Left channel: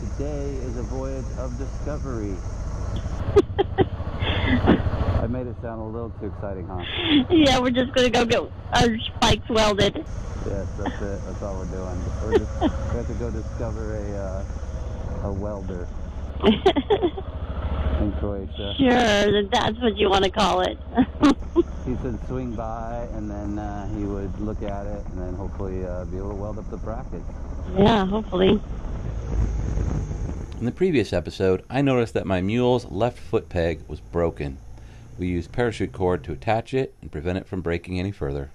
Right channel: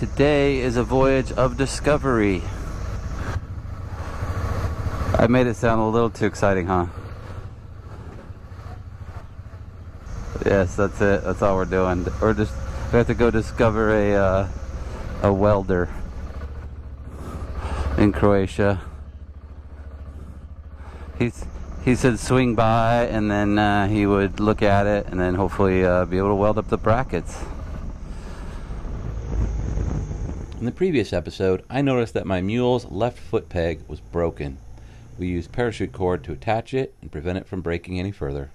Today is a voyage of discovery. I made it sound a little too exciting, huh? Yeah, we're just gonna go get our spikes welded. Yes, that's it. That's all we're doing. We have to go discover a welder in Croatia. Sure, that's what you want to call it. He said swing by and then he would look at it and then hopefully be able to weld up the brackets. Yeah, hopefully. In the previous episode, I noticed that my mule's left foot peg was broken. We used parachute cord to attach it and prevent it from breaking any further.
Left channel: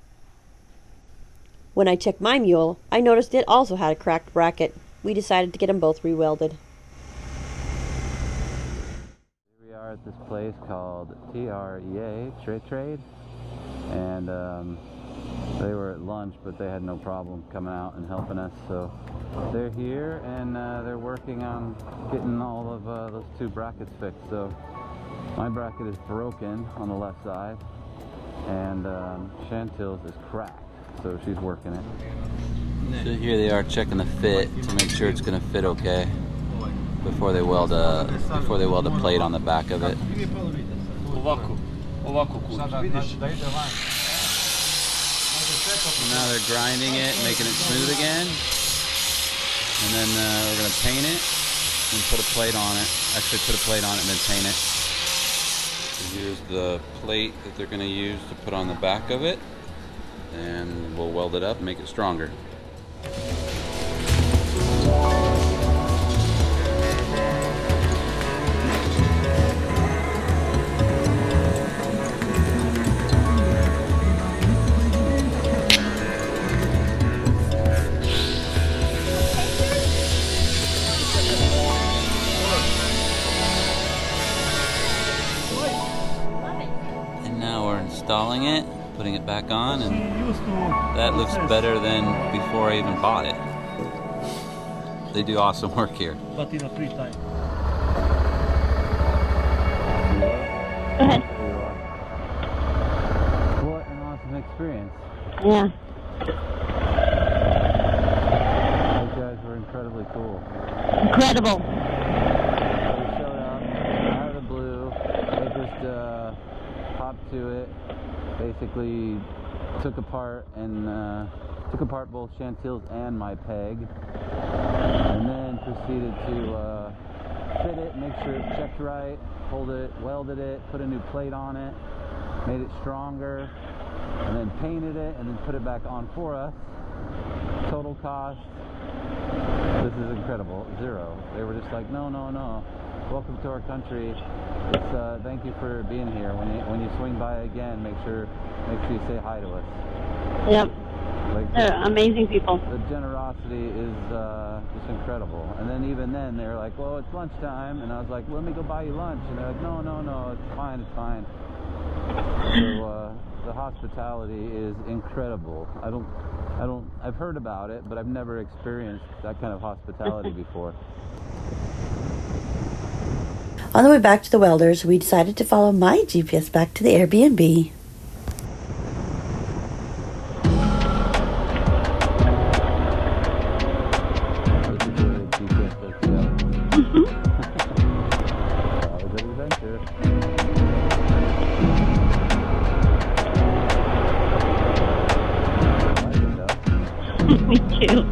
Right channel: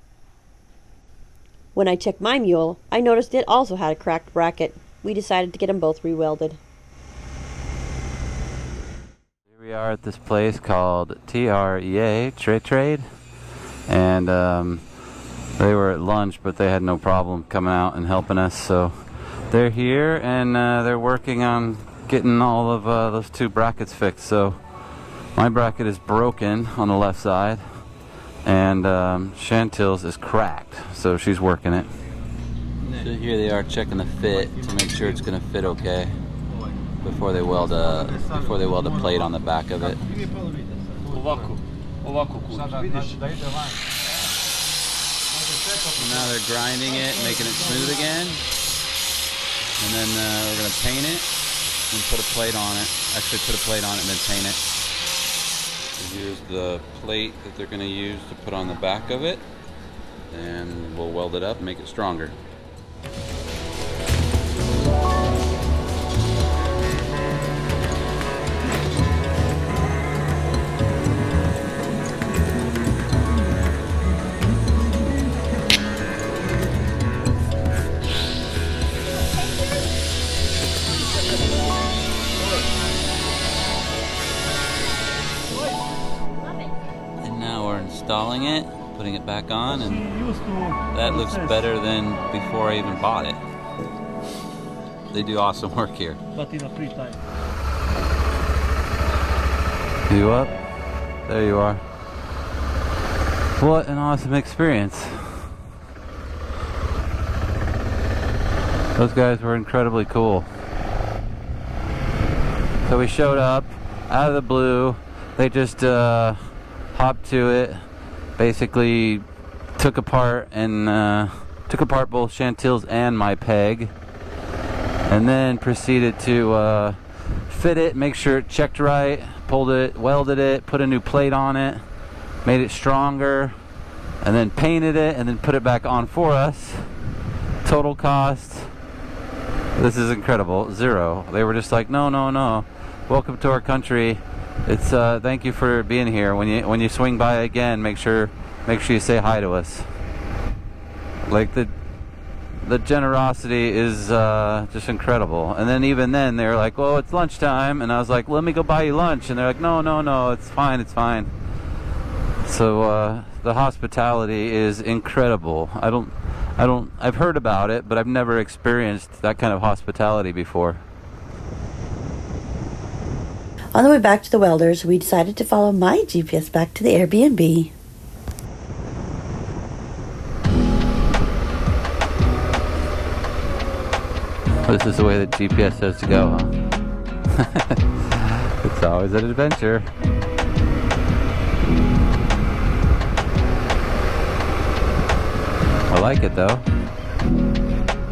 When I checked my mule, I noticed it also had a cracked bracket. We decided to get them both re-welded. Here we are at this place called S03E01 Trade, and they were at lunch, but they had no problem coming out and helping us. So they're here and they're working on getting all of those two brackets fixed. So my bracket is broken on the left side, and Chantil's is cracked, so she's working it. So here they are checking the fit to make sure it's going to fit okay before they weld a plate on the back of it. Now they're grinding it, making it smooth again, and then we're going to paint it and put a plate on it. Actually put a plate on it and then paint it. So here's the plate that they're going to use to put on the back of it, and we'll weld it up and make it stronger. Installing it, putting it back on, and that looks better than before I even bought it. They do awesome work here. But in a free time. You up? There you are. What an awesome experience. Yeah. Those guys were incredibly cool. Incredible. So we showed up out of the blue. They just hopped to it, basically took apart both Chantil's and my peg, and then proceeded to fit it, make sure it checked right, pulled it, welded it, put a new plate on it, made it stronger, and then painted it, and then put it back on for us. Total cost, this is incredible, $0. They were just like, no, welcome to our country. It's thank you for being here. When you swing by again, make sure you say hi to us. Yep. Like They're amazing people. The generosity is just incredible. And then even then they're like, "Well, it's lunchtime," and I was like, "Let me go buy you lunch." And they're like, "No, it's fine. So the hospitality is incredible. I've heard about it, but I've never experienced that kind of hospitality before. On the way back to the welders, we decided to follow my GPS back to the Airbnb. This is the way that GPS says to go, huh? It's always an adventure. I like it though. Me too.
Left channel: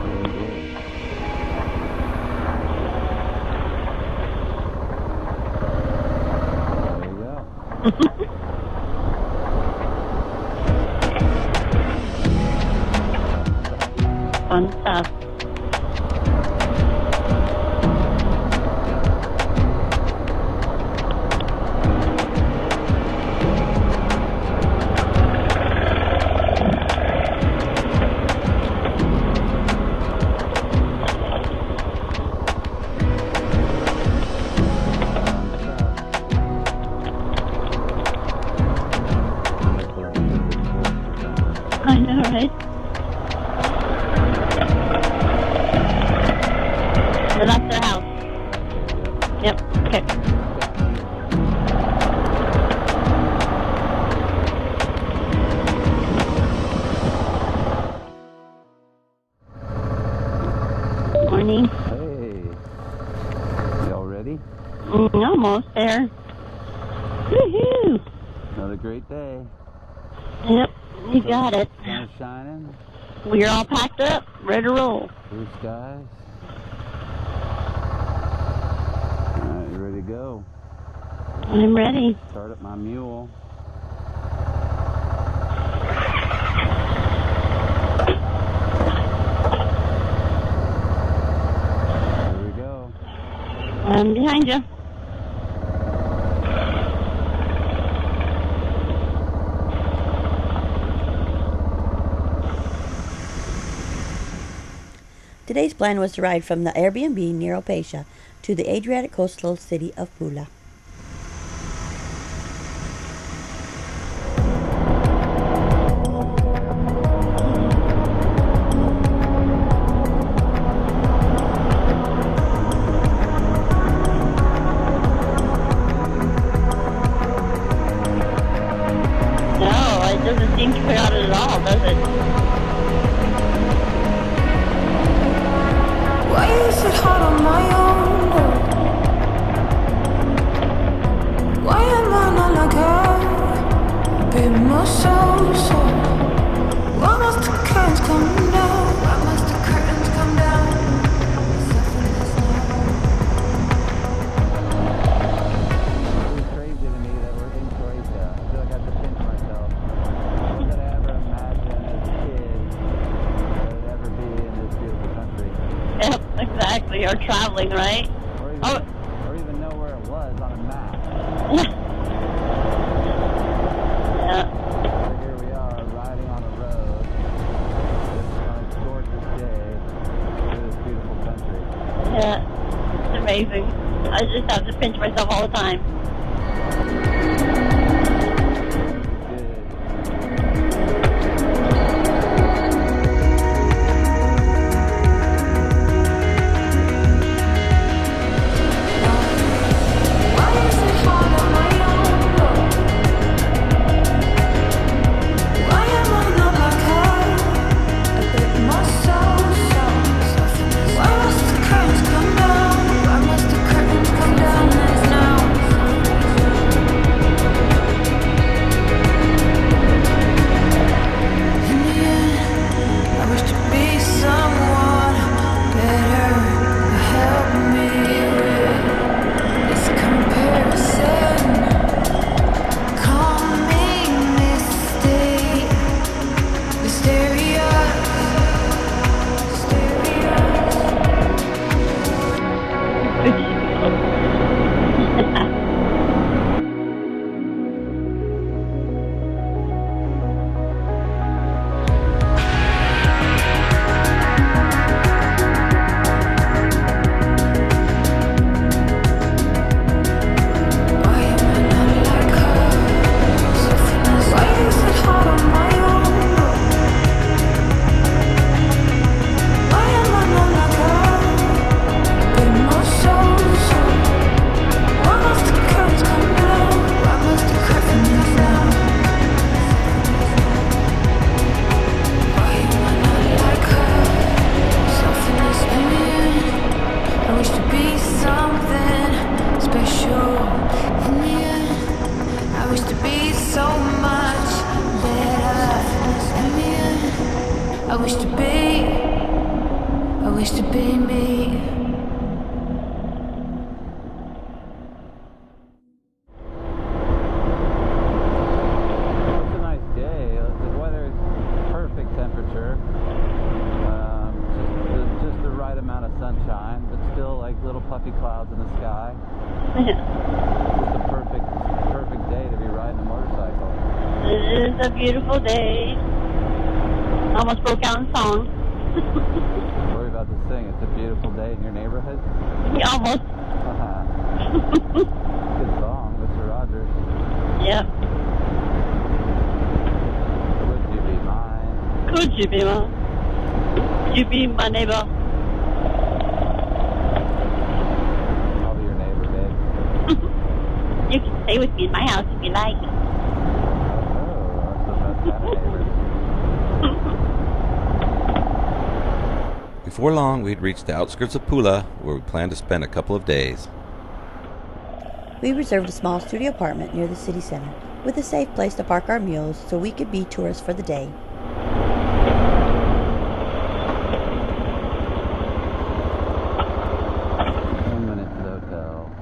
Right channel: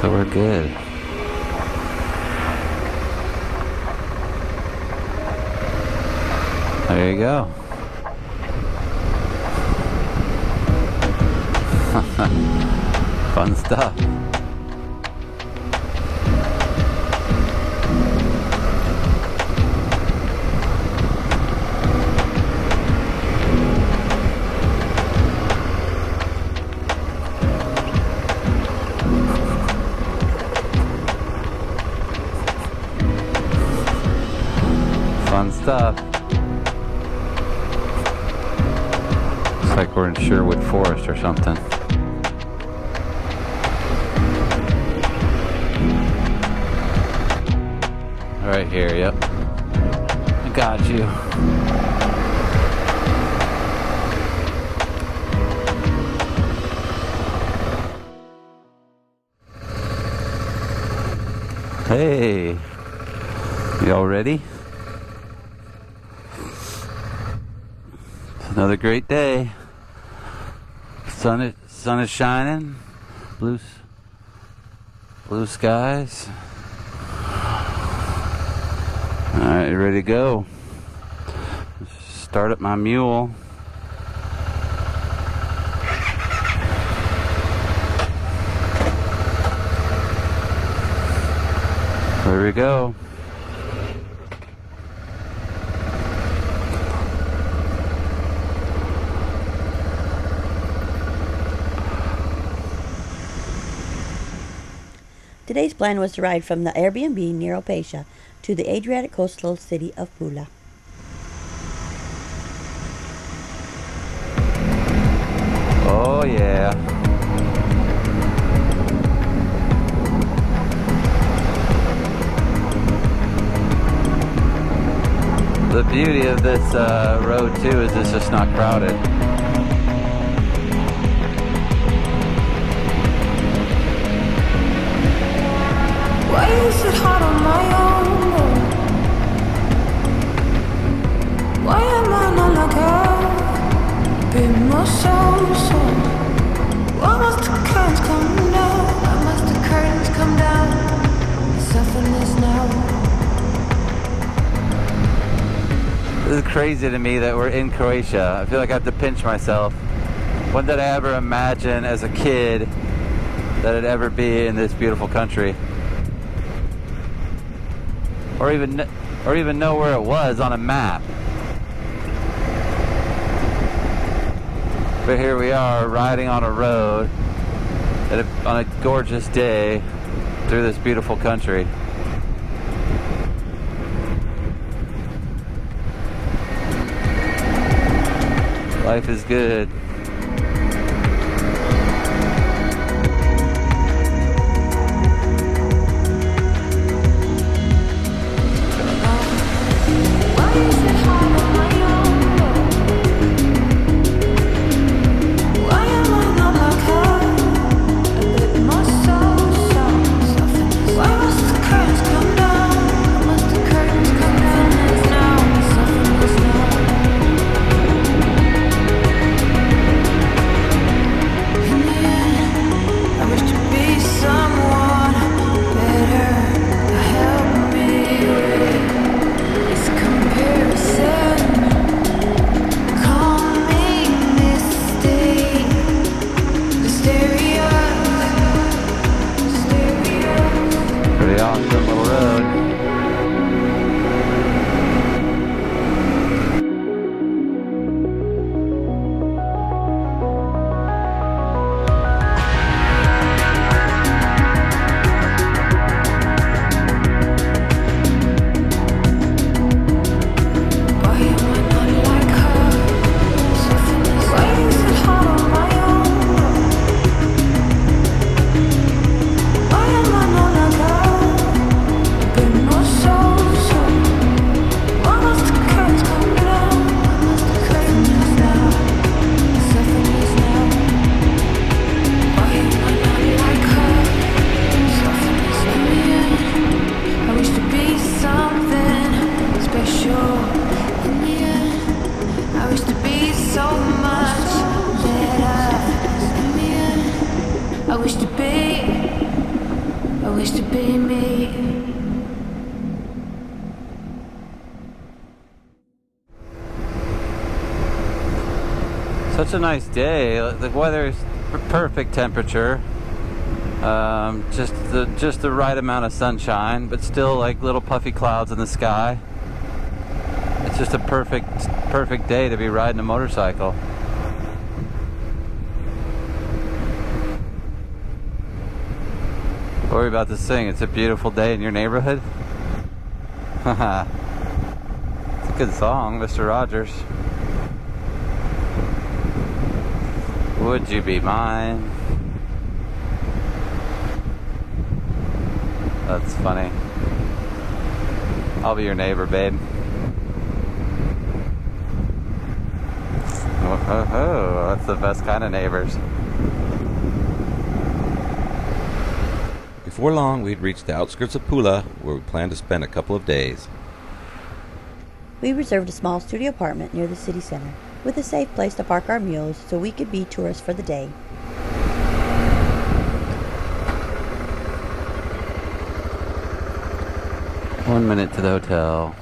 So we're good. There you go. Fun stuff. Fun stuff. Looks like we're in Sherwood Forest or something. I know, right? So that's their house. here. Yep. Yep. Okay. Got you. Morning. Hey. Y'all ready? Almost there. Woohoo! It's another great day. Yep. We got it. Sun is shining. We're all packed up, ready to roll. Blue skies. Alright, you ready to go? I'm ready. Start up my mule. There we go. I'm behind you. Today's plan was to ride from the Airbnb near Opasha to the Adriatic coastal city of Pula. Oh yeah. The beauty of this road too is it's just not crowded. No, it doesn't seem crowded at all, does it? Why is it hard on my own? Why am I not like her? Be more so. Why must the curtains come down? Why must the curtains come down? Soften this now. This is crazy to me that we're in Croatia. I feel like I have to pinch myself. When did I ever imagine as a kid that I'd ever be in this beautiful country? Yep, exactly. Or traveling, right? Or even know where it was on a map. Yeah. But here we are riding on a road on a gorgeous day through this beautiful country. Yeah. It's amazing. I just have to pinch myself all the time. Life is good. Why is it hard on my own? Why am I not like her? A bit more so. Why must the curtains come down? Why must the curtains come down now? Soften this now. In the end, I wish to be someone better to help me with this comparison. Call me mistake. Mysterious. Pretty awesome road. Why am I not like her? Why is it hard on my own? Why am I not like her? A bit more so. Why must the curtains come down? Why must the curtains now? Soften this now. Why am I not like her? Soften this in the end. I wish to be something special. In the end, I wish to be so much better. In the end, I wish to be me. Such a nice day. The weather's perfect temperature. Just the right amount of sunshine, but still like little puffy clouds in the sky. It's just a perfect day to be riding a motorcycle. It is a beautiful day. Almost broke out in song. What are we about to sing? It's a beautiful day in your neighborhood? Almost. It's a good song, Mr. Rogers. Yep. Would you be mine? Could you be my? You be my neighbor. That's funny. I'll be your neighbor, babe. You can stay with me in my house if you like. Oh, that's the best kind of neighbors. Before long, we'd reached the outskirts of Pula, where we planned to spend a couple of days. We reserved a small studio apartment near the city center, with a safe place to park our mules so we could be tourists for the day. One minute to the hotel.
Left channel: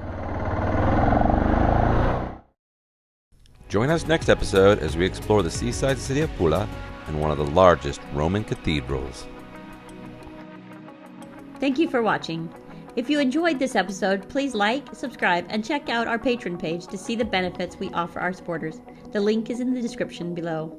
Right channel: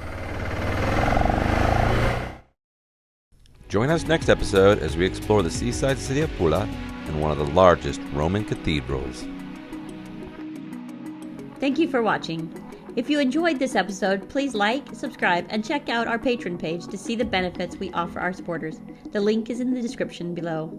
Join us next episode as we explore the seaside city of Pula and one of the largest Roman cathedrals. Thank you for watching. If you enjoyed this episode, please like, subscribe, and check out our Patreon page to see the benefits we offer our supporters. The link is in the description below.